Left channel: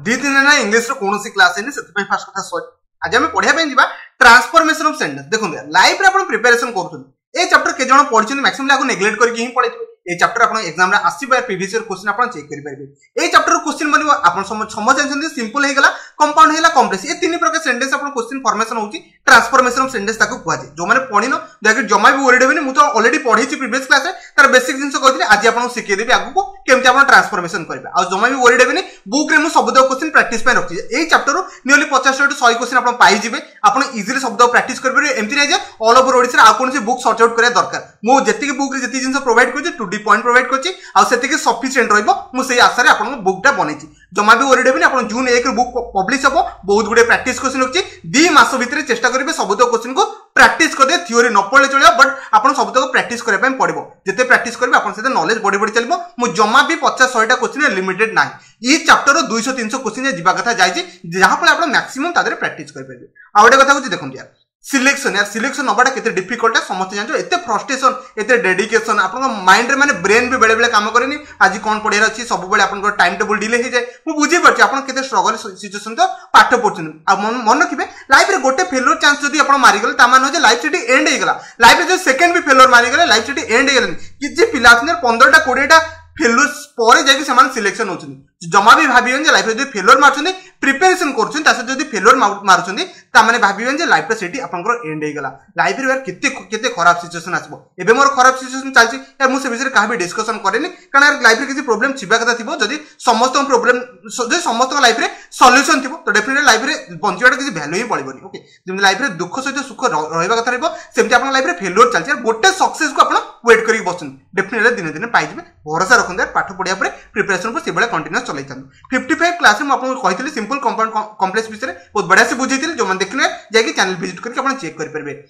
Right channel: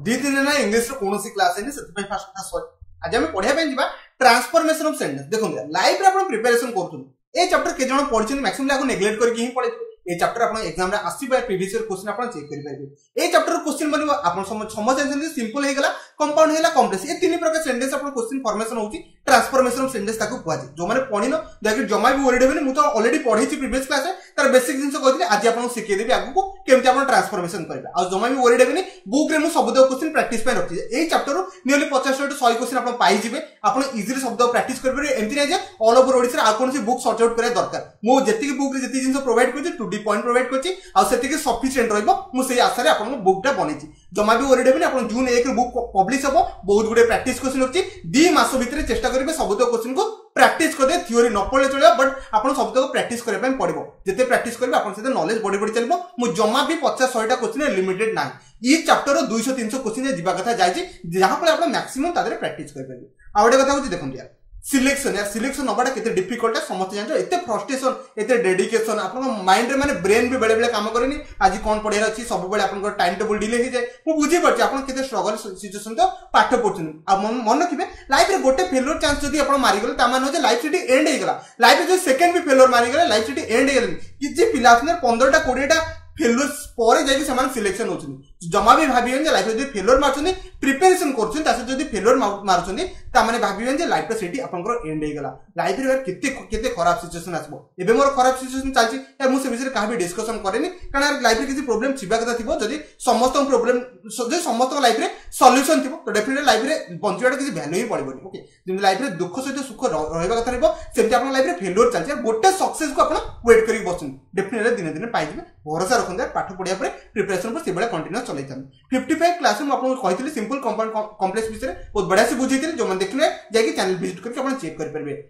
दी दिन ना इंग्लिश रो कोनोसी क्लास है से फास्ट कथा सॉरी आज हम पढ़िया पे जीवा ट्रांसफॉर्मेशन ऑफ सेंटेंस देखो लाइफ रे आपण प्रिपरेशन करथुन ए चैप्टर के जण पढिछन मैक्सिमम लागो नेग्लेक्ट करके ही पढिथु ए चैप्टर आपण एग्जाम रे आसीबा प्रीवियस ईयर क्वेश्चन आपण चेक करि परिबे ए चैप्टर क्वेश्चन बनबो आपण समझ जानछन सिंपल हे गला कंपाउंड हेला कॉम्प्लेक्स ए तीन प्रकार सेंटेंस आपण क्वेश्चन फॉर्मेशन होउची ट्रांसफॉर्मेशन ऑफ सेंटेंस ताको कुआ जे जो माने पढिनो देखि जमा भी वरीड हेबेनी मु तो ऑलरेडी पढिछि प्रीवियस क्लास रे तार बेसिक जिंस कहथिले आज आपण सिखे देबी आगु को केमति आपण ट्रांसफॉर्मेशन करबे आ जमा भी वरीड हेबेनी बुक रे मु शब्द क्वेश्चन प्रैक्टिस पे रखछि ए चैप्टर रो नियरली 50 टू 100 क्वेश्चन आपण पाई जिवे आपण इजीली शब्द प्रैक्टिस करबे एमति नै जे ऑल ओवर ओडिसा आ कोनसी बुक सॉर्ट आउट करे दरकार मु जेति बुक रे जेति जिंस प्रोवाइड करछि 2D पॉइंट प्रोवाइड करछि आ सेति सफिशिएंट रहइबो मु सेही आशा रे आपण बुकटा बनेछि जमा भी वरीड हेबेनी आपण जून 1 रे बुक पब्लिश हबो बहुत गुडे प्रैक्टिस क्वेश्चन रखछि 2 मास भीतर चेष्टा करिवे शब्द क्वेश्चन को प्रैक्टिस कर दे थ्योरी न पढले चलियो बट आपण शब्द को प्रैक्टिस करे पय पड़िबो जते प्रैक्टिस करबे आपण सेते नॉलेज बडी बडी चलिबो मु जमा भी 50 100 टा क्वेश्चन लिमिटेड नाही ई चैप्टर रो 200 300 क्वेश्चन जिबा कथा जायछि जहा पर आपण मैक्सिमम तादरे प्रैक्टिस कर परबे आ ओडे कथा होछि देखन यार सिलेक्शन यार सिलेक्शन नबाटा केते डिफिकल्ट है समस्त जानजो एते फ्रस्ट्रेशन एते डेडिकेशन आपन माइंड रे माने ब्रेन भी बेले बेले काम करेनी आज कोन पढियार अछि सब बेले आपन को टाइम टेबल डिले हे जाय मु बुझी परछि आपन केते स्ट्रगल सिचुएशन तो पाठ पढछन आ मन रखिबे लाइफ रे गोटे फेलियर चांस जदी आपन मारि गले ता मान हो जे लाइफ सेठी एंड हे गला लाइफ रे जो सेकंड भी फेलियर मारि गले लाइफ सेठी एंड हे गले कि जे पिला छन 15 टा 20 टा फेलियर परे जाय कि समान सिलेक्शन होछन जमा भी भाबियन जे लाइफ रे जो फेलियर मारछन प्रिपरेशन करछन तासे जदी फेलियर मारछन ता माने भाबियन जे लाइफ रे सेठी आपनकर एंड हे गला लाइफ रे केते केते खराब सिचुएशन आसबो एबे मोर खराब सिचुएशन चालछि यार मु से विषय रे काबी डिस्कशन करेनी कारण यार लाइफ रे किछि प्रॉब्लम छिबा कथा थिबो जदी समस्त प्रॉब्लम जदी समस्त लाइफ रे सॉल्यूशन थिबो तो डेफिनेटली लाइफ रे बंचिबाटा किछि वैल्यू ही पड़िबोनी ओके जेम लाइफ रे दुख सहित सुख रहइबा कथा रहइबो सेमति आपन लाइफ रे फेलियर चालछि यार गोटे सक्सेस को आपन वेट करी बसुन डेफिनेटली दिन दिन पाइ जिबे भरोसा रखन यार पाठ पढिया परे प्रिपरेशन को सेबेला कंटीन्यूअस चलै थान 55 क्लास में आपन कहितले सिंपल कंपाउंड कॉम्प्लेक्स विषय बहुत बढ़िया से बुझैतिले जो मन देखले जाके चैनल विजिट करके अपन चेक कर परबे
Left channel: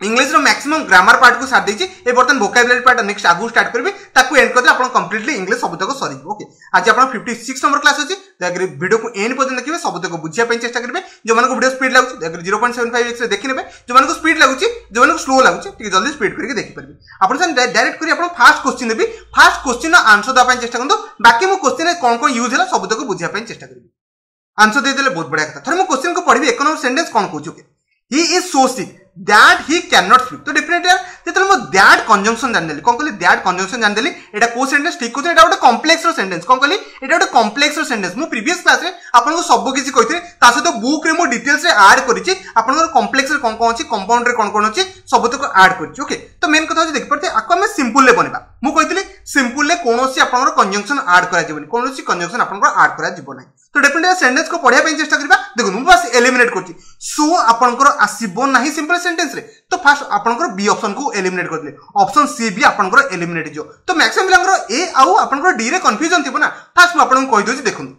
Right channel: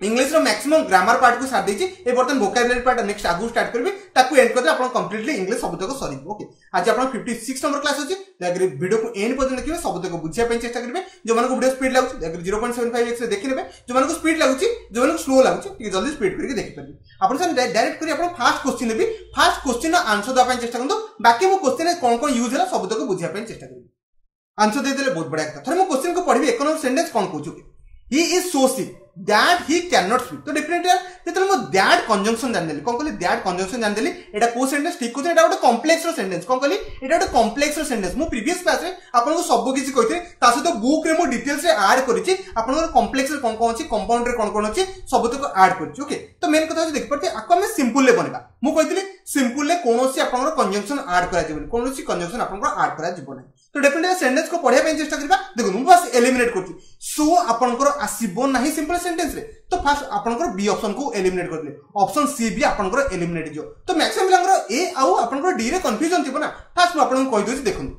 इंग्लिश रो मैक्सिमम ग्रामर पार्ट को साथ देछि ए बर्तन वोकैबुलरी पार्ट नेक्स्ट आगु स्टार्ट करबे ताकू एंड करदे अपन कंप्लीटली इंग्लिश शब्द को सरी ओके आज अपन 56 नंबर क्लास अछि अगर वीडियो को एंड पर्यंत देखिबे शब्द को बुझिया पे चेष्टा करबे जो मन को वीडियो स्पीड लागुछि अगर 0.75x रे देखि नेबे जो मन को स्पीड लागुछि जो मन को स्लो लागुछि ठीक जल्दी स्पीड करके देखि परबे अपन सन डायरेक्ट करी अपन फर्स्ट क्वेश्चन देबी फर्स्ट क्वेश्चन रो आंसर दा पे चेष्टा करदो बाकी मो क्वेश्चन रे कोन कोन यूज हला शब्द को बुझिया पे चेष्टा करबी आंसर दे देले बहुत बढ़िया कथा थोर मो क्वेश्चन को पढबी एक नंबर सेंटेंस कोन कहू okay he is so sick that he cannot speak तो डेफिनेटली यार जेतले मो दैट कंजंक्शन जान देली कोन कहली दैट कंजंक्शन जान देली एटा को सेंटेंस ठीक कोते एटा गोटे कॉम्प्लेक्स रो सेंटेंस कोन कहली एटा गोटे कॉम्प्लेक्स रो सेंटेंस मु प्रीवियस क्लास रे आपन को सब किछि कहिथे ता सहित बुक रे मो डिटेल्स रे ऐड करिछि आपन को कॉम्प्लेक्स रे कोन कोन अछि कंपाउंड रे कोन कोन अछि सब तक ऐड करिछि ओके तो मेन कथा देख परते आको हम सिंपल ले बनेबा मु कहितली सिंपल ले कोनोसी आपन को कंजंक्शन ऐड करा जिवनी कोनोसी कंजंक्शन आपन को ऐड करा जिवो नै तो डेफिनेटली सेंटेंस को पढिया पे चेष्टा करबा देखो मु बस एलिमिनेट करछि सो आपन को आसीबो नाही सिंपल सेंटेंस रे तो फर्स्ट आपन को बी ऑप्शन को एलिमिनेट कर दिले ऑप्शन सी भी आपन को एलिमिनेट जो तो मैक्सिमम लंगर ए आउ आपन को डी रे कंफ्यूजन थिबो ना फर्स्ट आपन को कहि दोछि देखुन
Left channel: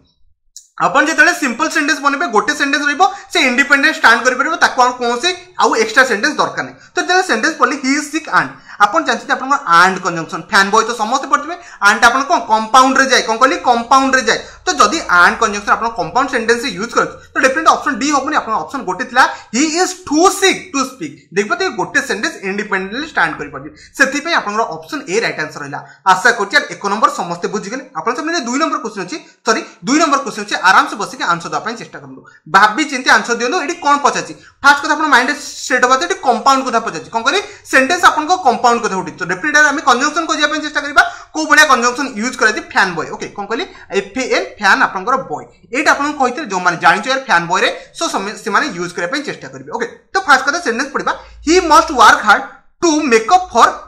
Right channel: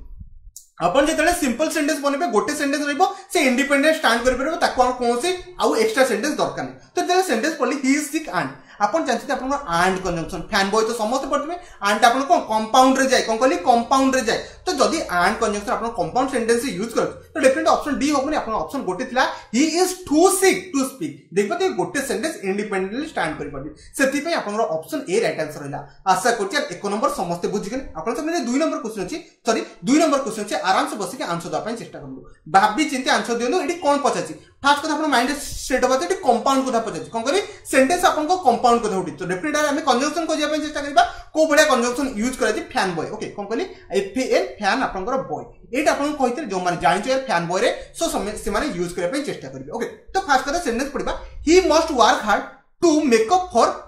अपन जेतले सिंपल सेंटेंस बनेबे गोटे सेंटेंस रहइबो से इंडिपेंडेंट स्टैंड करि परबो ताको कोन से आउ एक्स्ट्रा सेंटेंस दरकार नै तो जेतले सेंटेंस पढली ही इज सिक एंड अपन जानछि आपन को एंड कंजंक्शन फैन बॉय तो समस्त पढथिबे एंड आपन को कंपाउंड रे जाय कोन कहली कंपाउंड रे जाय तो जदी एंड कंजंक्शन आपन कंपाउंड सेंटेंस से यूज कर तो डेफिनेटली ऑप्शन डी होबनी आपन ऑप्शन गोटे थिला he is too sick to speak देखबते गोटे सेंटेंस इंडिपेंडेंटली स्टैंड करि परबे सेति पे आपन ऑप्शन ए राइट आंसर रहला आशा करछि यार एक नंबर समस्त बुझि गेले आपन सबने 2 नंबर क्वेश्चन अछि सॉरी 2 नंबर क्वेश्चन अछि आराम से बसिके आंसर दा पय चेष्टा करलो भाबी चिंते आंसर दियो एडी कोन पचाछि फर्स्ट कथा आपन माइंड सेट होबा एडी कंपाउंड कथा पचाछि कोन करी सेंटेंस आपन को कंपाउंड कथा उठी तो डेफिनेटली हम कंजंक्शन को जे पय चेष्टा करबा को बढिया कंजंक्शन यूज करै छै फैन बॉय ओके कोन कहली एफएन फैन आपन को बॉय एटा आपन कहिते जो माने जानि यार फैन बॉय रे सो से माने यूज करै पय चेष्टा करबे ओके तो फर्स्ट कथा सेंटेंस पढिबा he must work hard to make up for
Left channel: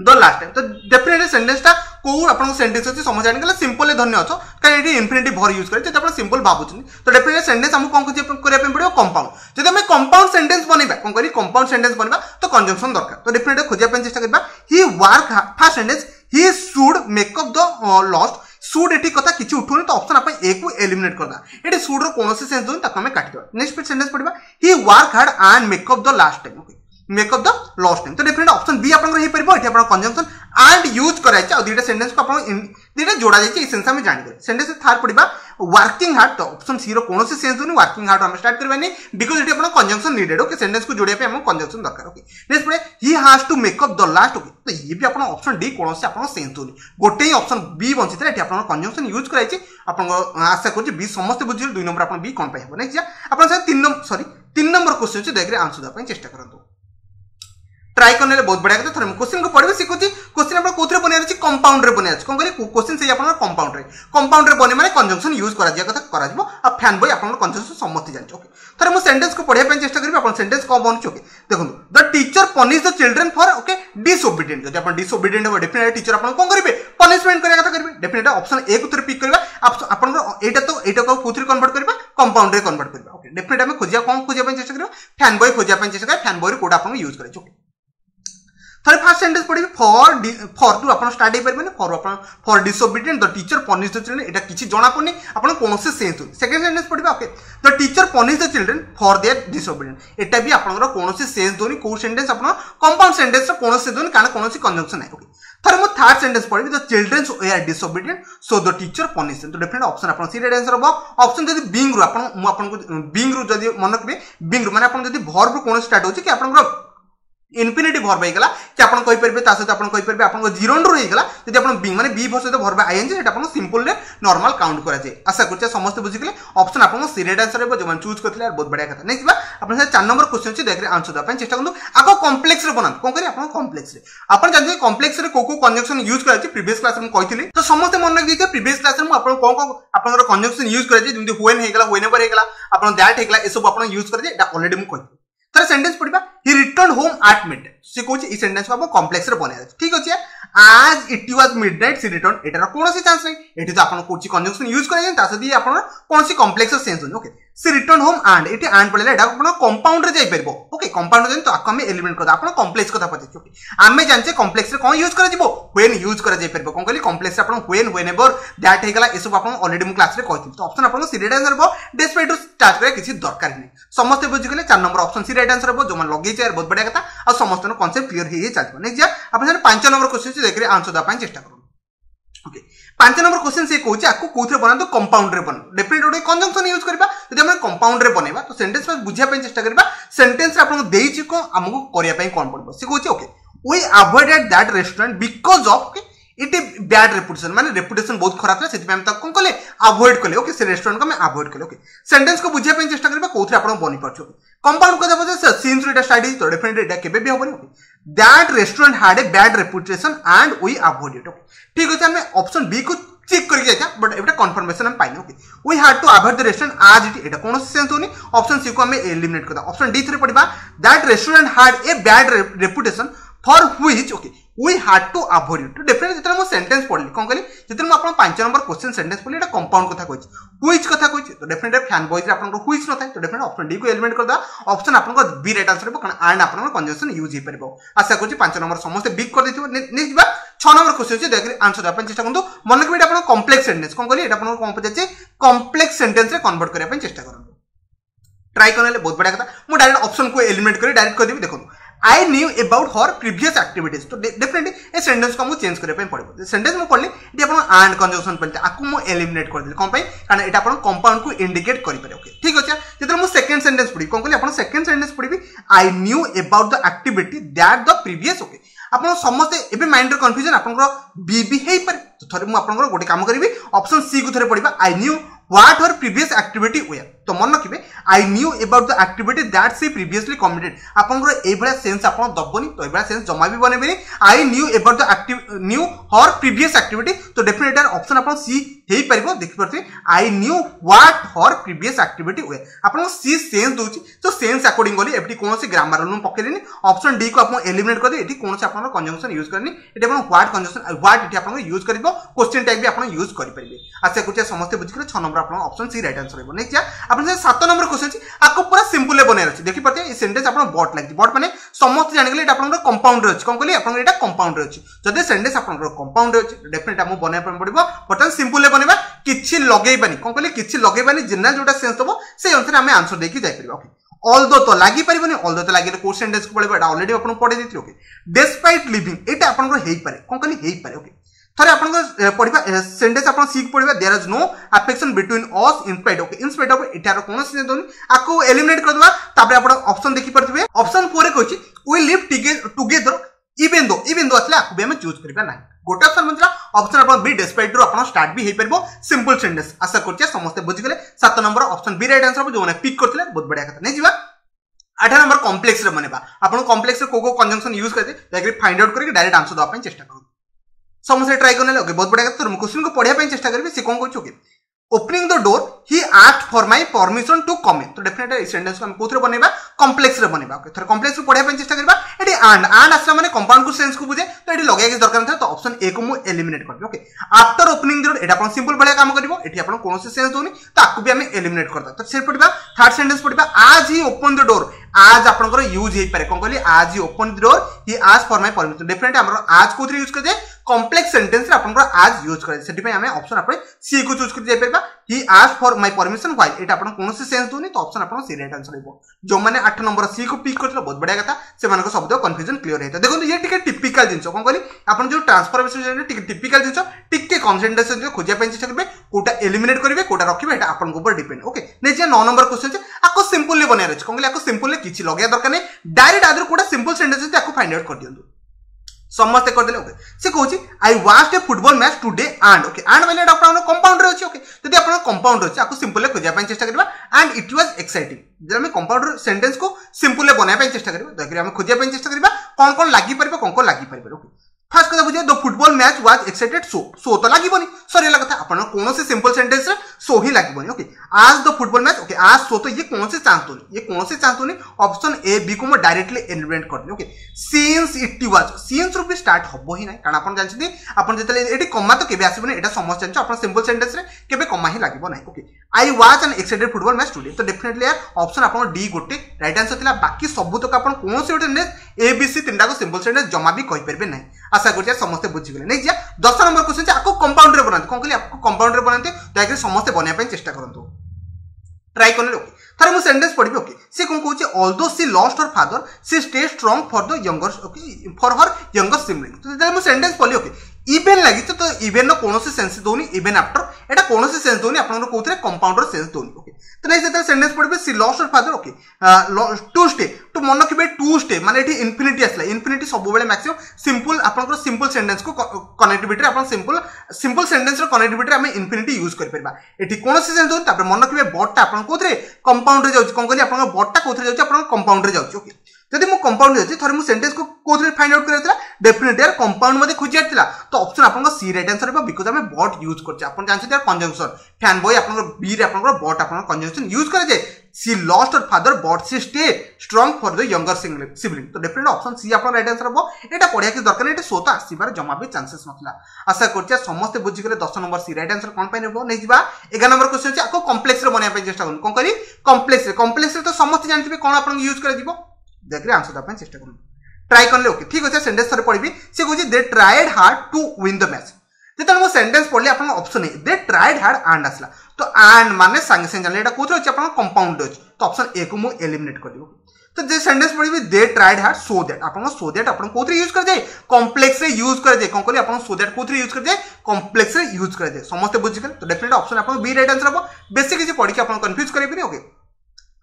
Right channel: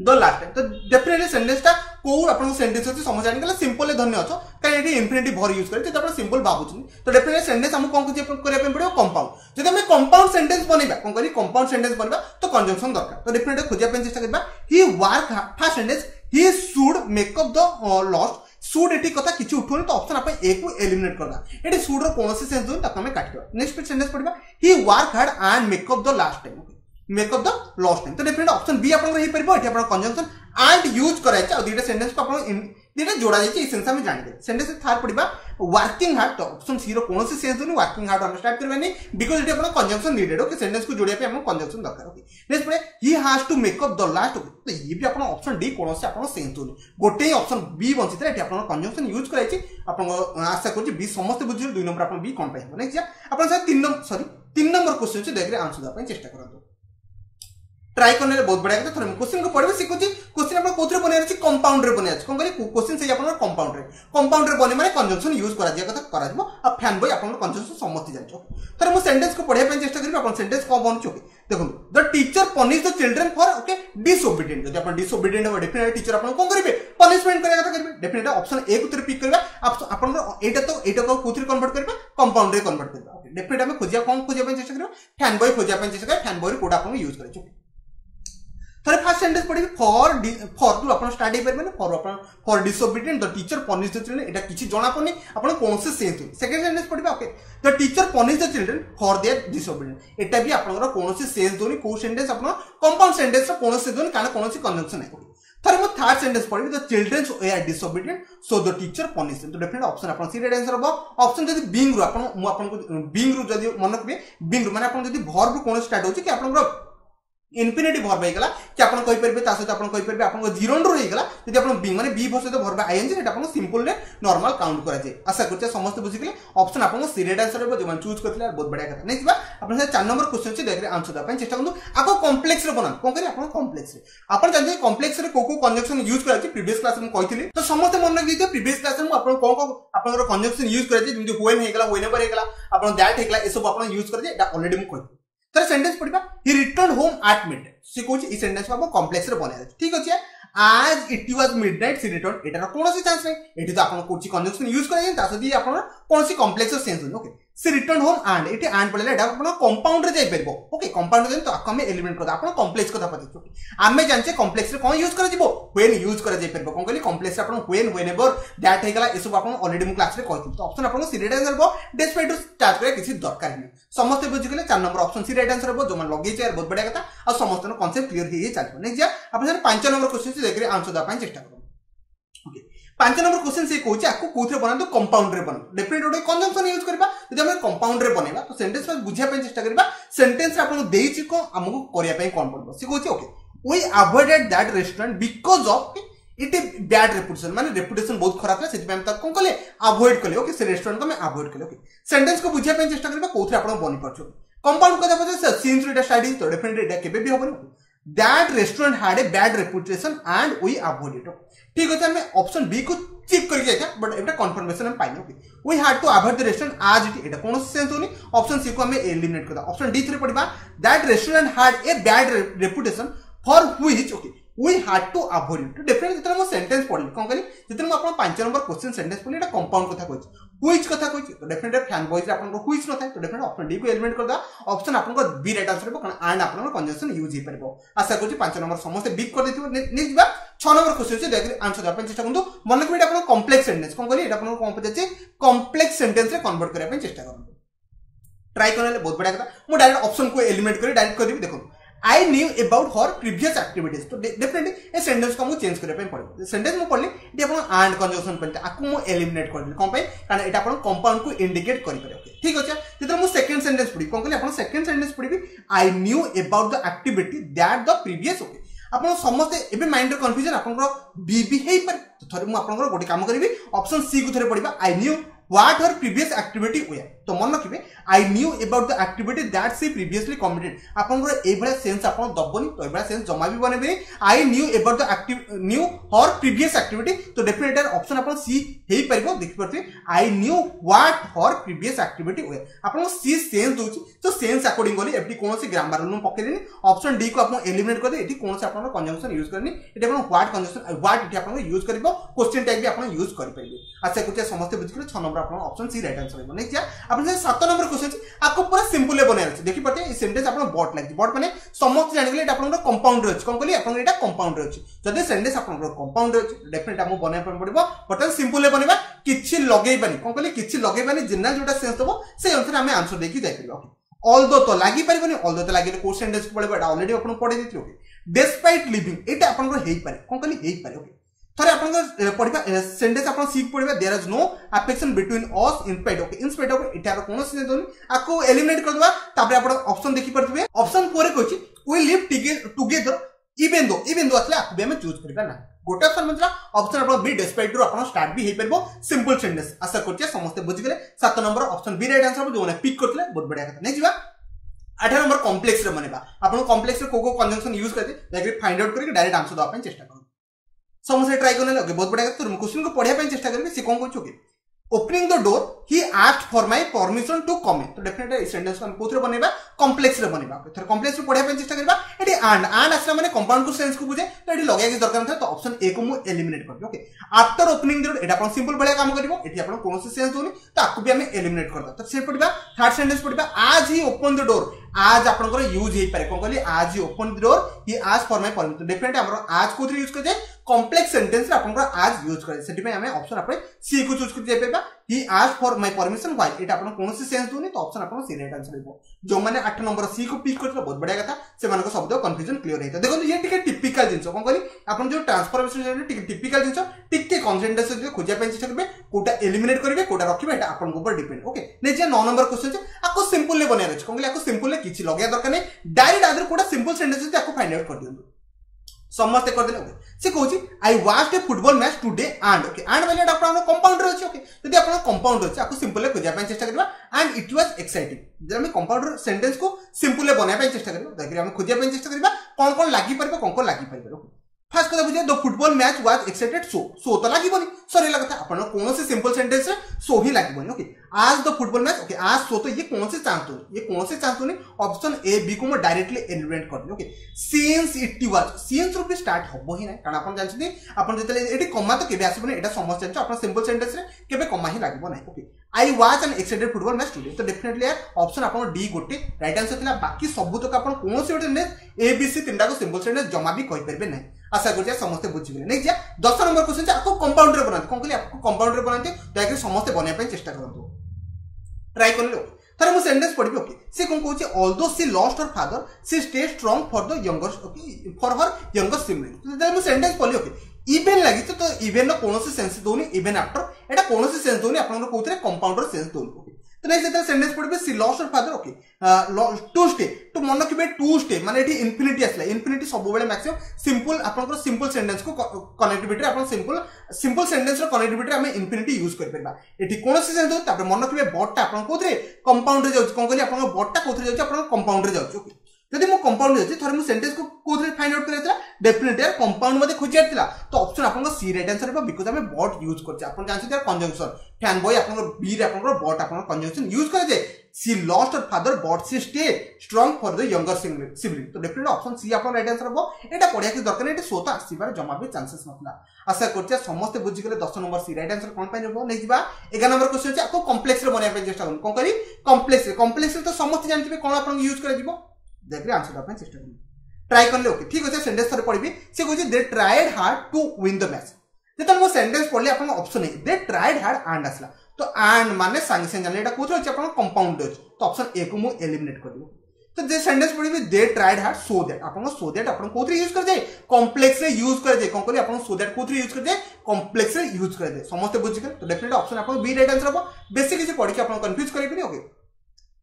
the last time तो डेफिनेटली सेंटेंस टा को आपन सेंटेंस अछि समझ आनि गला सिंपल ले धन्य अछो काहे एटी इंफिनिटिव भर यूज करे जे आपन सिंपल बाबुछन तो डेफिनेटली सेंटेंस हम कोन करिया पे पड़ियो कंपाउंड जदि हम कंपाउंड सेंटेंस बनेबा कोन करी कंपाउंड सेंटेंस बनेबा तो कंजंक्शन दरकार तो डेफिनेटली खोजिया पे चेष्टा करबा he work first sentence he should make up the lost should एटी कथा किछि उठोनी तो ऑप्शन अपन ए को एलिमिनेट करदा एटी शुड रो कोनोसी सेंस दोन ताको हम काटि दो नेक्स्ट सेंटेंस पढिबा he work hard and make up the last time okay makeup the lost name तो डेफिनेट ऑप्शन बी आपन रही परबो एठी आपन कंजंक्शन एंड यूज कराय छ दुईटा सेंटेंस को आपन दुईटा जोड़ा जाय छ सेंस हम जानि गले सेंटेंस थर्ड पडिबा वर्किंग हार्ड तो ऑप्शन सी रो कोनोसी सेंस दोनी वर्किंग हार्ड हम स्टार्ट करबानी बिकॉज़ एठी आपन कंजंक्शन नीडेड ओके सेंटेंस को जोड़िया पे हम कंजंक्शन दरकार ओके नेक्स्ट पडे he has to make up the last okay तो ये भी आपन ऑप्शन डी कोनोसी आपन सेंस दोनी गोटे ही ऑप्शन बी बंचितला एठी आपन कंजंक्शन यूज कराय छ आपन आशा करछि बी समस्त बुझिल 2 नंबर आपन बी कोन पाइ हो नेक्स्ट जा आपन से 3 नंबर क्वेश्चन छ देखरे आंसर द पय चेष्टा करंतु ट्राई करने बहुत बढ़िया कथा थोड़े क्वेश्चन को पढ़े शिखुची क्वेश्चन आप कौन बनार अच्छी कंपाउंड रे बनार कौन करें क्वेश्चन से कंपाउंड रे बने माने कंजंक्शन यूज करा कथा करा आ फैन बॉय आपन कंजंक्शन समस्त जान ओके थोड़े मु सेंटेंस को पढ़िया चेष्टा करी आपन सेंटेंस को बनछ ओके देखो the teacher punish the children for okay disobedient जब आपन डिसोबीडिएंट हो डेफिनेटली टीचर आपन कोन करिवे पनिशमेंट करिया कथा करिवे डेफिनेटली ऑप्शन ए को पिक करबा आपन एटा को कोथि कन्वर्ट करबा कंपाउंड रे कन्वर्ट करबा ओके डेफिनेटली हम खोजिया कोन खोजिया चेष्टा करबा फैन बॉय खोजिया चेष्टा करबा फैन बॉय कोड आपन यूज करे ओके थोड़े फर्स्ट सेंटेंस पढ़ी फॉर टू आपन स्टार्ट हे परबे for disobedient the teacher punish the children एटा किछि जणा पड़नी आपन कोन से सेंस सेकंड सेंटेंस पढ़बा okay the teacher punish the children for their disobedient एटा भी आपन कोन से सेंस दोनी को सेंटेंस आपन कंपाउंड सेंटेंस रो कोन से दोनी कारण कोन से कंजंक्शन है ओके थोड़े मो थर्ड सेंटेंस पढ़ी the children way disobedient so the teacher punish तो डेफिनेट ऑप्शन आपन सी राइट आंसर हो ऑप्शन जदी बीइंग रो आपन मु आपन को बीइंग रो जदी मन रखबे बीइंग रो माने आपन जदी वर्ब रो कोन स्टार्ट होची कि आपन इन्फिनिटिव वर्ब हेगला कि आपन कहि परबे ता सहित आपन कहि परबे आपन जीरोन रो हेगला यदि आपन बीइंग माने बी भस सहित वर्ब आईएनजी सेटा आपन सिंपल रे नॉर्मल काउंट करा जाय आशा करछ समस्त बुझि गेले ऑप्शन आपन सी राइट आंसर हेबो जमन चूज करथिले बहुत बढ़िया कथा नेक्स्ट बा आपन से 4 नंबर क्वेश्चन छी देखरे आंसर द पय चेष्टा करनु आको कॉम्प्लेक्स रे बनान कोन करी आपन कॉम्प्लेक्स रे आपन जानते कॉम्प्लेक्स रे को कंजंक्शन यूज करा छी प्रीवियस क्लास में कहिथिली तो समस्त मन रख दिते प्रीवियस क्लास में आपन कोन आपन कंजंक्शन यूज करा छी जेमति व्हेन हेगला व्हेनेवर हेगला आपन दैट हेगला ए सब आपन यूज करा छी एटा ऑलरेडी मु कहि तर सेंटेंस पढ़िबा he return home at midnight से कोची ई सेंटेंस को आप कॉम्प्लेक्स रे बना ठीक अछि आज it was midnight she return एटार कोनोसी चांस नै एठी तो आपन कोची कंजंक्शन यूज करै ता सदी आपन कोनोसी complex sense okay she return home and एठी एंड पड़ले एटा आपन कंपाउंड रे जाई परबो ओके कंपाउंड रे तो आको हम एलिमेंट कर आपन कॉम्प्लेक्स कथा पछे ओके आमे जानचे कॉम्प्लेक्स रे कोन यूज करै जिवो व्हेन यूज करै जाई परबो कोन कहली कॉम्प्लेक्स रे आपन व्हेन व्हेनेवर दैट हेगला ए सब आपन ऑलरेडी मु क्लास रे कहिथिल तो ऑप्शन आपन सी राइट आंसर बो डिस्प्ले टू स्टार्ट करे किछि दरकार नै समस्त बुझि गेले 4 number option C right answer बो जो मन लगे छै बहुत बढ़िया कथा आ समस्त न कांसेप्ट क्लियर हे चलबो नेक्स्ट जा आपन 5 नंबर क्वेश्चन से देखरे आंसर द पाई चेष्टा करू ओके 5 नंबर क्वेश्चन से कहूची आको कोथरे बनातो कंपाउंड रे बन डेफिनेट ओडे कंजंक्शन यूज करबा यदि हम कंपाउंड रे बनेबा तो सेंटेंस में बुझिया पे चेष्टा करबा सेंटेंस रे आपन देइची को हमको करिया पे कोन पड़बो से कहूची okay we avoided that restaurant because of it a bad reputation माने रेपुटेशन बहुत खराब था सेति हम तक कोन कले अवॉइड कले ओके से रेस्टोरेंट को मैं अवॉइड कले ओके सेंटेंस को बुझिया पे चेष्टा करबा कोथरे आपन बनि परछो कंपाउंड को जब सीन्स रे स्टडी तो डेफिनेट एटा केबे भी होबनी okay that restaurant had a bad reputation and we avoid it okay ठीक अछि हम ऑप्शन बी को चेक करके जाता बट एटा कंफर्मेशन हम पाइनो okay we had to avoid the restaurant आज इट एटा कोन सेंस होनी ऑप्शन सी को हम एलिमिनेट करदा ऑप्शन डी 3 पडिबा that restaurant had a bad reputation for which okay we had to avoid it definitely जेतरा मो सेंटेंस पढली कोन करी जेतरा मो आपन 5 नंबर क्वेश्चन सेंटेंस पढली एटा कंपाउंड कथा कहछि व्हिच कथा कहछि तो डेफिनेटली फैन बॉयज रे आपन को व्हिच न थाय तो डेफिनेटली ऑप्शन डी को एलिमिनेट करदा ऑप्शन आपन को बी राइट आंसर हो कारण एंड आपन कंजंक्शन यूज हे परबो आशा करछि 5 नंबर समस्त बिग कर देथिबो नेक्स्ट बा 6 नंबर क्वेश्चन छै देखि आंसर अपन चेष्टा करंतु मन के आपन कॉम्प्लेक्स सेंटेंस कोन करी एटा आपन कोन पछे कॉम्प्लेक्स सेंटेंस रे कन्वर्ट करिया पे चेष्टा करंतु ट्राई करले बहुत बढ़िया कथा मु डायरेक्ट ऑप्शन को एलिमिनेट करी डायरेक्ट कर देबी देखो I knew about her previous activities तो डेफिनेटली ए सेंटेंस को मु चेंज करे पे पड़बो सेंटेंस मु पढले एटी अपन एंड कंजंक्शन पड़ते आकु मु एलिमिनेट कर देली कोन पई कारण एटा अपन कंपाउंड को इंडिकेट करि पारे ओके ठीक अछि जेतर मु सेकंड सेंटेंस पढी कोन कहली अपन सेकंड सेंटेंस पढिबी I knew about the activity that the previous okay अपन समस्त एबे माइंड रे कंफ्यूजन अपन को बी बी हेई पारे तो थरे मु अपन को गोटे काम करबी ऑप्शन सी को थरे पढिबा I knew what her previous activity were तो मन रखिबे I knew about the activity that she previously committed आपन को ए भला सेंस आपन दबनी तो ए भला सेंस जमा भी बनेबे I knew about the knew her previous activity तो डेफिनेटली ऑप्शन आपन सी हेई परबो देखि परते I knew what her previous activity were आपन सी सेंस दोची तो सेंस अकॉर्डिंग गली एफटी कोनोसी ग्रामर रूल पकेलेनी ऑप्शन डी को आपन एलिमिनेट कर दे एठी कोनोसी आपन कंजंक्शन यूज करनी एठी आपन व्हाट कंजंक्शन व्हाट एठी आपन यूज करबो क्वेश्चन टाइप भी आपन यूज करि परिबे आशा करछ समस्त बुझिकले 6 नंबर आपन ऑप्शन सी राइट आंसर रहबो नेक्स्ट जा आपन से 7 नंबर क्वेश्चन छी आको पूरा सिंपल ले बने अछि देखि परते ई सेंटेंस आपन बॉट लागि बॉट माने समस्त जानि गेले एटा आपन कंपाउंड रे अछि कोन कहली आपन एटा कंपाउंड रे अछि जदि सेंटेंस आपन कंपाउंड रे अछि डेफिनेटली हम बने पड़बो बटन सिंपल ले बनेबा किछि लगेइबानी कोन कहली किछि लगेइबानी जनरल जोटा सेंस दबो से अनुसार हम आंसर देखि जाय परबो ओके ऑल्दो तो लागी परिबनी ऑल्दो तो लागिले को सेंटेंस को पळेबा ऑलरेडी आपण पढे देथि ओके डिस्पाइट लिविंग एटा आपण हेई पारे कोन कहली हेई पारे ओके थरे आपण पढिबा सेंटेंस आपण सीख पढिबा there is no affection between us in spite okay in spite of एटार कोन से दोन आको एलिमिनेट कर दबा तापर आपण ऑप्शन देखि परथिबे ऑप्शन 4 रे कहछि we live together even though असले आको भी हम चूज करबा ना गोटे ऑप्शन मतलब ऑप्शन अपन बी डिस्पाइट रो अपन स्टार्ट भी हे परबो सिंपल सेंटेंस आशा करछि समस्त बुझि गेले 7 number option B right answer जो ने पिक करथिले बहुत बढ़िया कथा नै जीवा 8 नंबर कॉम्प्लेक्स रे बनेबा आपण कॉम्प्लेक्स रे को कंजंक्शन यूज करते ताकि फाइंड आउट करके डायरेक्ट आंसर दवा ପାଇଁ चेष्टा करू समस्त ट्राई करने ओके बहुत बढ़िया कथा क्वेश्चन को पढिया ପାଇଁ चेष्टा करबे से कोन कहछु okay opening the door he asked for my permission to come in तो डेफिनेटली सेंटेंस को हम कोथरे बनेबा कॉम्प्लेक्स रे बनेबा ओके थर कॉम्प्लेक्स रे पढिया ପାଇଁ चेष्टा करबा एटी एंड आसला माने कंपाउंड को सेंस को बुझे तो एटी लगाय के दरकार था तो ऑप्शन ए को मु एलिमिनेट करबे okay after opening the door Etah upon simple बढ़िया काम करबो एटी अपन कोन से सेंस दोनी तो आकु भी हम एलिमिनेट करदा तो से पढिबा थर्ड सेंटेंस पढिबा आज ही ओपन द डोर आज आपनकर यूज हे पारे कोन कहली आज he open the door he asked for my permission definitely हमर आज कोथरे यूज कर दे कॉम्प्लेक्स सेंटेंस रे आपनकर आज यूज करे सेटी पे हमें ऑप्शन आपरे सी को चूज कर जाय परबा he asked for my permission why एटा अपन कोन से सेंस दोनी तो ऑप्शन अपन सी राइट आंसर हेबो जो माने 8 नंबर सी को पिक करथला बहुत बढ़िया कथा से मानको शब्द कंफ्यूजन क्लियर हेता देखो ये टिके टिपिकल जिंस कोन कहली अपन जो ट्रांसफॉर्मेशन जे टिके टिपिकल जिंस टिके कंसंट्रेशन जो खोजिया ପାଇଁ चेष्टा करबे कोटा एलिमिनेट करबे कोटा रखिबे एटा अपन ऊपर डिपेंड ओके नै जे 9 नंबर क्वेश्चन जे आको सिंपल ले बनिया रहछ कोन कहली आको सिंपल ले किछि लगया दरकार नै डायरेक्ट आदर कोटा सिंपल सेंटेंस जे आको फाइंड आउट कर दियंतु समस्त कर देले ओके से कहूची I watched a football match today and okay and वाले अपन कंपाउंड रे अछि ओके जदि अपन कंपाउंड अछि आको सिंपल ले खोजिया ପାଇଁ चेष्टा करबा एंड इट वाज एक्साइटिंग जब हम कंपाउंड सेंटेंस को सिंपल ले बनाय ପାଇଁ चेष्टा करबा देखि हम खोजिया ପାଇଁ चेष्टा करबा कोन लागि परबे कोन लागि परबे ओके फर्स्ट कथा बुझे the football match was excited so तो लागिबनी सॉरी लगा था अपन कोन से सिंपल सेंटेंस रे सो ही लागिबनी ओके आज द फुटबॉल मैच ओके आज सो तो ये कौन से चांस तो नहीं ऑप्शन ए बी को मैं डायरेक्टली एलिमिनेट कर दे okay since it was since रू भी स्टार्ट हबो ही नाही कारण अपन जानछि अपन जतले एटी कमा तो केबे आसीबनी एटा समझ जानछि अपन सिंपल सेंटेंस रे केबे कमा ही लागिबो नाही okay I was an excited football match today तो डेफिनेटली यार ऑप्शन अपन डी गोटे राइट आंसर थिला बाकी सब तो अपन कोन से गोटे ए बी सी तीनटा को सिंपल सेंटेंस जमा भी कहि परबे नाही आशा करछि समस्त बुझि गेले नै जे 10 नंबर क्वेश्चन जे आको कंपाउंड रे बनाते कोन कहली आपको कंपाउंड रे बनाते ताकि समस्त बनिया ପାଇଁ चेष्टा करंतु ट्राई करले ओके थरे मु सेंटेंस पढिबे ओके से कोन कहूची although she lost her father she stay strong for the younger okay for her younger sibling तो जब मु सेंटेंस पढली ओके इवन लागि तो इवन नो कोनोसी सेंस दोनी इवन आफ्टर एटा कोनोसी सेंस दोनी आपन कोथरे कंपाउंडर सेंस दोनी ओके तो नै जेता सेंटेंस पढबे she lost her father okay to stay तो मन किबे टू स्टे माने एठी इंफिनिटी आसला इंफिनिटी सब बेले मैक्सिमम सिंपल आपन सिंपल सेंटेंस को कनेक्टिविटी आपन सिंपल सेंटेंस रो कनेक्टिविटी हम इंफिनिटी यूज कर परबा एठी कोनोसी सेंस दोनी तापर मन किबे बॉट आपन कोथरे कंपाउंड रे जाउची कोन कहली आपन बॉट ता कोथरे जाउची आपन कंपाउंड रे जाउची ओके जदि मु कंपाउंड जाउची थरे मु सेंटेंस को कोथरे फाइंड आउट करैतला डेफिनेटली यार कंपाउंड मध्ये खोजिया थिला तो ऑप्शन आपन को सी राइट आंसर हेबा बिकॉज़ हमें बॉट यूज करछ आपन जानछि यार कंजंक्शन फैन बॉय आपन बी रे आपन बॉट आपन कंजंक्शन यूज करे जे she lost her father but she stay strong for the younger sibling तो डेफिनेटली ऑप्शन सी आपन राइट आंसर हेबो एटा पढिया के दरकार एटा सोता आसीबार जमा भी चांसेस नथला आशा करछ समस्त बुझि गेले 10 नंबर सी राइट आंसर कोन पाइ नेबो नै जिबा 11 नंबर क्वेश्चन छै आको कॉम्प्लेक्स रे बनिया ପାଇଁ चेष्टा करन कोन करी कॉम्प्लेक्स रे तो समस्त जानथिबे कोन आपन यूज करे जिवो देखरे आंसर दा ପାଇଁ चेष्टा करन ट्राई करले ओके ठीक अछि सेंटेंस थरे पढिबी से कहू they tried hard to win the match जेतन मो सेंटेंस पढली आपन option A they tried hard and असला तो एंड माने संगे संगे जानले एटा कोथरे अछि आपन कंपाउंड अछि तो ऑप्शन ए को मो एलिमिनेट कर दिबो तो जे सेंटेंस पढिबी they tried hard so that आपन कोथरे यूज कर जाय कॉम्प्लेक्स रे यूज कर जाय कोन कहली आपन सो दैट कोथरे यूज कर जाय कॉम्प्लेक्स रे यूज कर जाय समस्त बुझि गेल तो डेफिनेटली ऑप्शन आपन बी राइट आंसर हबो बेसिक किछि पढि के आपन कंफ्यूज करबी ओके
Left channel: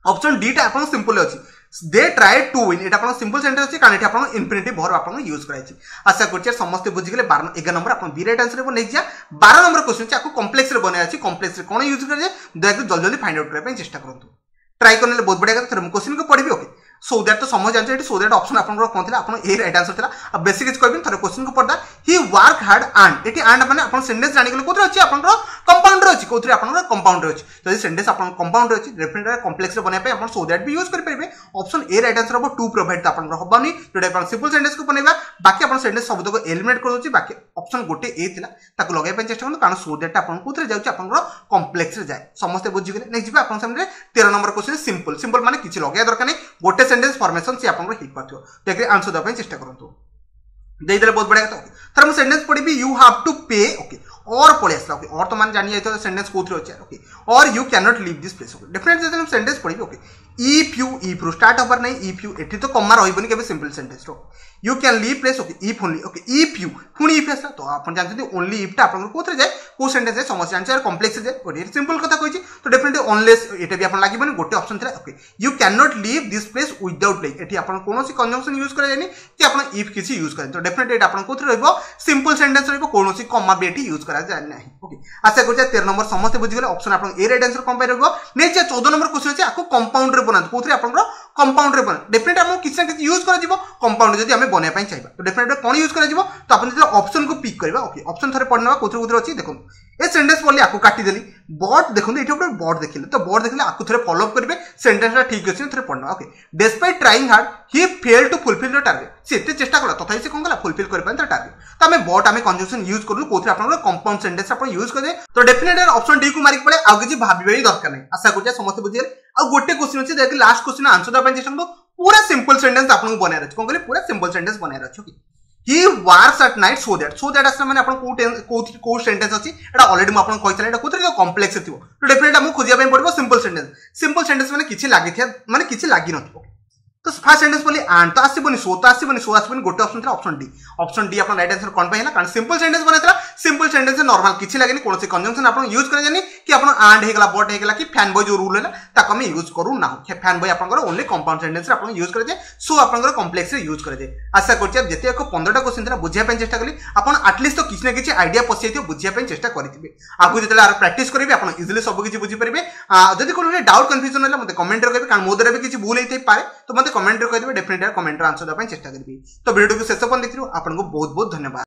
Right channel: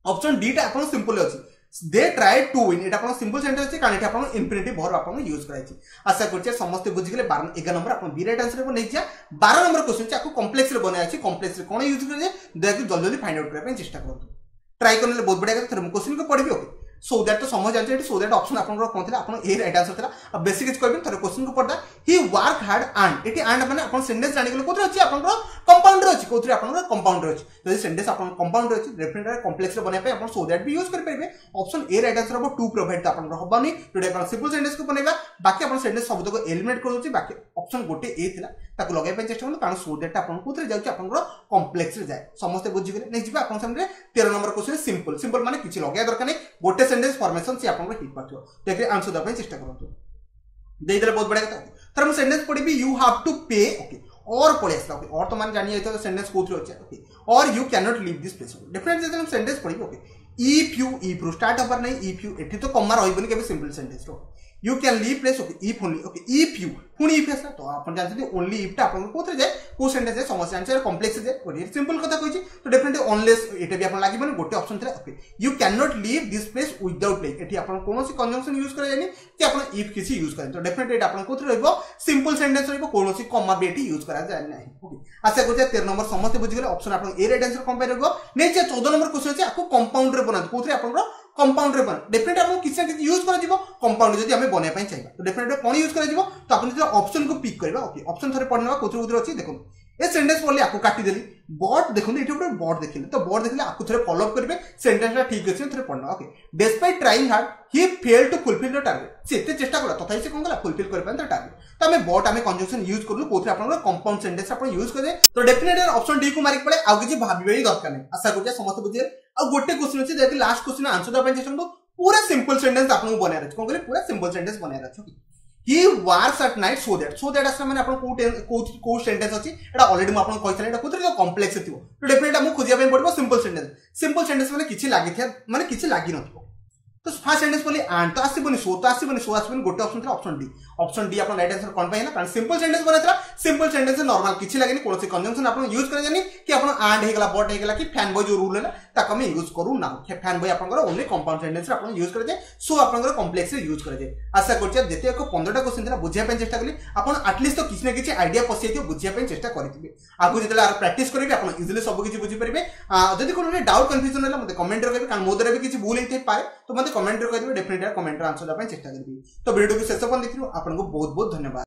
ऑप्शन डी टा आपन सिंपल अछि they tried to win Etah upon simple sentence अछि कारण एटा अपन इंफिनिटी भर अपन यूज कराय छी आशा करछि समस्त बुझि गेले 11 नंबर अपन बी राइट आंसर नै जा 12 नंबर क्वेश्चन छी आको कॉम्प्लेक्स रे बनाय अछि कॉम्प्लेक्स रे कोन यूज करे जे दया जल्दी जल्दी फाइंड आउट करे चेष्टा करंतु ट्राई करले बहुत बढ़िया कथा क्वेश्चन को पढिबी ओके सो दैट तो समझ जानछ एटी सो दैट ऑप्शन आपन कोन थिला आपन ए राइट आंसर थिला अब बेसिक इज कहबिन थरे क्वेश्चन को पढदा ही वर्क हार्ड एंड एटी एंड माने आपन सेंटेंस जानि गेल कोथरे अछि आपन कंपाउंडर अछि कोथरे आपन कंपाउंडर अछि जदि सेंटेंस आपन कंपाउंडर अछि डेफिनेटली कॉम्प्लेक्स रे बनाय पे आपन सो दैट भी यूज कर परबे ऑप्शन ए राइट आंसर हबो टू प्रोवाइड त आपन हबनी जोडे आपन सिंपल सेंटेंस को बनाइबा बाकी आपन सेंटेंस सब को एलिमिनेट कर दोछि बाकी ऑप्शन गोटे ए थिला ताको लगाय पे चेष्टा करन कारण सो दैट आपन कोथरे जाउछि आपन कॉम्प्लेक्स रे जाय समस्त बुझि गेले नेक्स्ट जिबा आपन सामने 13 नंबर क्वेश्चन सिंपल माने किछि लगाय दरकार नै गोटे सेंटेंस फॉर्मेशन से आपन हिट पाथो देखि आंसर द ପାଇଁ चेष्टा करंतु देइ देले बहुत बढ़िया कथा थर मु सेंटेंस पढिबी यू हैव टू पे ओके और पळे आसला ओके और तो मान जानि आइतो सेंटेंस कोथरे अछि ओके और you can not leave this place okay definitely जब हम सेंटेंस पढ़ी ओके इफ रु स्टार्ट हबार नहीं इफ यू एठी तो कम्मा रहिबनी केबे सिंपल सेंटेंस रो you can leave place okay if only okay if you पुणी इफ आसला तो आपण जानते ओनली इफ टा आपण कोथरे जाय को सेंटेंस जाय समस्या आंसर कॉम्प्लेक्स जाय ओके सिंपल कथा कहिची तो डेफिनेटली अनलेस एटा भी आपण लागिबनी गोटे ऑप्शन थिला okay you can not leave this place without play एठी आपण कोनोसी कंजंक्शन यूज करे जानी कि आपण इफ किसी यूज करें तो डेफिनेटली एटा आपण कोथरे रहबो सिंपल सेंटेंस रहबो कोनोसी कॉमा भी एठी यूज करा जाय नाही ओके आशा करछे 13 नंबर समस्त बुझि गेले ऑप्शन आपण ए राइट आंसर कंपेयर रहबो नेक्स्ट 14 नंबर क्वेश्चन अछि आको कंपाउंड रे बनात कोथरे आपण कंपाउंड रे बना डेफिनेटली आपण किछ ना किछ यूज करा जिवो कंपाउंड जदी हमें बने पई चाहिबा तो डेफिनेटली कोन यूज करा जिवो तो आपण जदी ऑप्शन को पिक करबा ओके ऑप्शन थरे पढनवा कोथरे कोथरे अछि देखो ए सेंटेंस पढली आको काटी देली बट देखो एठी ऊपर बट देखिले तो बट देखिले आको थरे फॉलो अप करबे सेंटेंसटा ठीक अछि थरे पढना okay despite trying hard he failed to fulfil the target से एते चेष्टा कला तथापि से कोन कला फुलफिल कर पान त टारगेट तो हमें बट हमें कंजंक्शन यूज करलु कोथरे आपण कंपाउंड सेंटेंस आपण यूज करे तो डेफिनेटली ऑप्शन डी को मारिक पड़े आ किछि भाबिबे ही दरकार नै आशा करजा समस्त बुझिए आ गोटे क्वेश्चन अछि देख last question answer the pine चेष्टा करो पूरा सिंपल सेंटेंस आपन को बनाय रछ कोन करे पूरा सिंपल सेंटेंस बनाय रछ okay he works at night so that असला माने आपन को सेंटेंस अछि एटा ऑलरेडी म आपन कहितले एटा कोथरे कॉम्प्लेक्स थिबो तो डेफिनेटली हम खोजिया पय पड़बो सिंपल सेंटेंस माने किछि लागि नथिबो तो फर्स्ट सेंटेंस बोली आंट तो आसीबनी सो गोटे ऑप्शन डी अपन राइट आंसर कोन पाइला कारण सिंपल सेंटेंस बनाइतला सिंपल सेंटेंस नॉर्मल किछि लागेनी कोनोसी कंजंक्शन अपन यूज करे जानी कि अपन आंट हेगला बट हेगला कि फैन बॉय जो रूल हैला ताको हम यूज करू ना फैन बॉय अपन ओनली कंपाउंड सेंटेंस रे अपन यूज करे जाय सो अपन कॉम्प्लेक्स रे यूज करे जाय आशा करछि जते को 15टा क्वेश्चन थिला बुझिया पय चेष्टा कली अपन एटलीस्ट तो किछि ना किछि आईडिया पसिथियो बुझिया पय चेष्टा करिथिबे आगु जतले आर प्रैक्टिस करिवे अपन इजीली सब किछि बुझि परिबे जदि कोनो डाउट कंफ्यूजन होला मते कमेंट रे कहबे कारण मो द्वारा भी किछि भूल हेतै पारे तो मते कमेंट रे कह देबे डेफिनेटली कमेंट रे आंसर द पय चेष्टा करबी तो वीडियो को शेष अपन देखिरो आपन को बहुत बहुत धन्यवाद।